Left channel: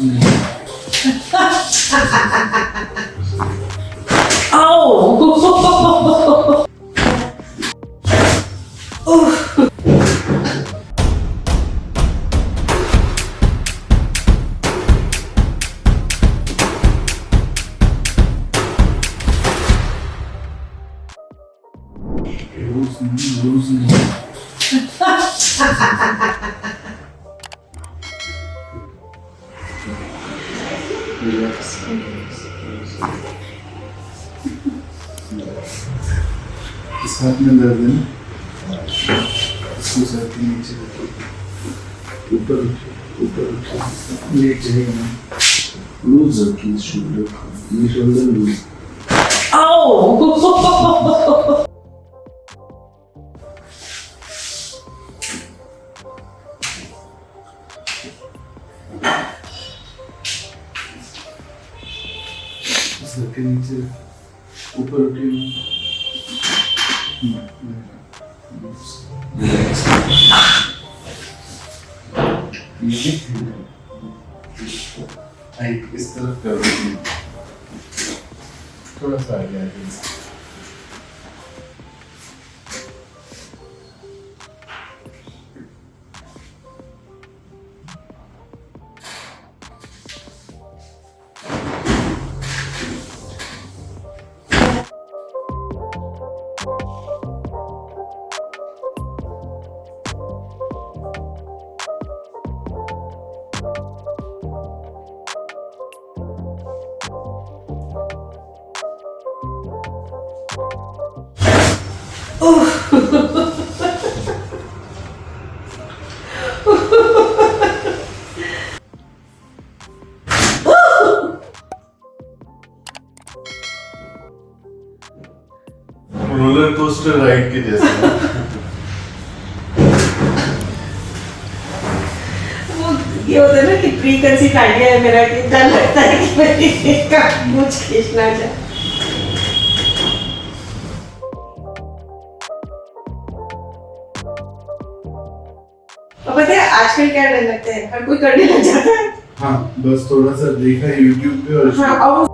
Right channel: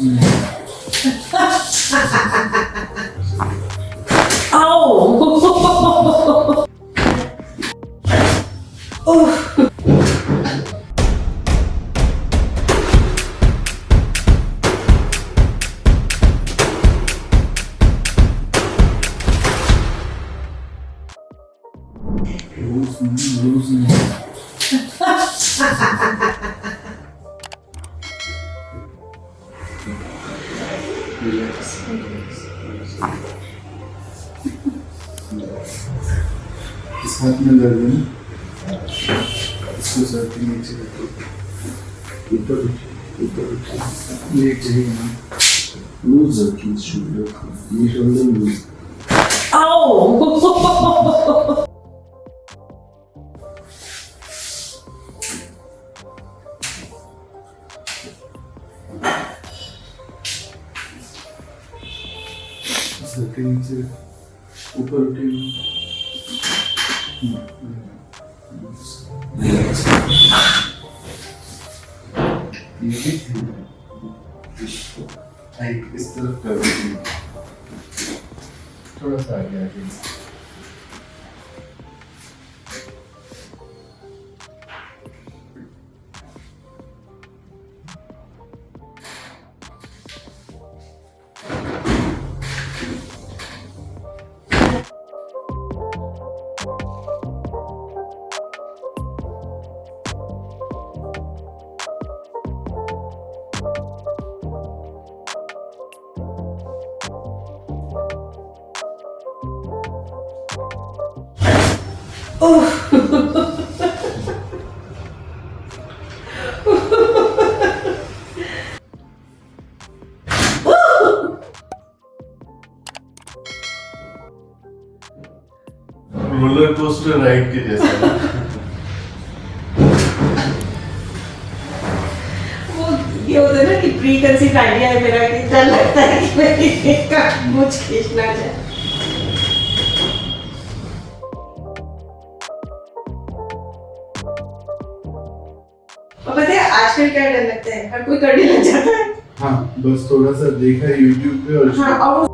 Ow! Losing. Relax. इस हाथ में दर्द है ना, इसको सर के नीचे रखो, ऊपर उठो, लेट जाएगा ना, लूज रखिए शोल्डर, ये शोल्डर लूज। Ow! सर के नीचे ऊपर उठिए ना। इस तरफ करो, थोड़ा सा आगे आगे। रोलर कोस्टर राइड के जैसा। वो ये होता है ना कि प्री कंसीव आइडिया है मेरा कि डर लगता है कि मेरी का मुझ खींचना जाए। और पता है आजकल क्या डर लगता है, हर कोई करने लग जाता है। हाँ, बस थोड़ा सा देखा YouTube पे और हाँ, और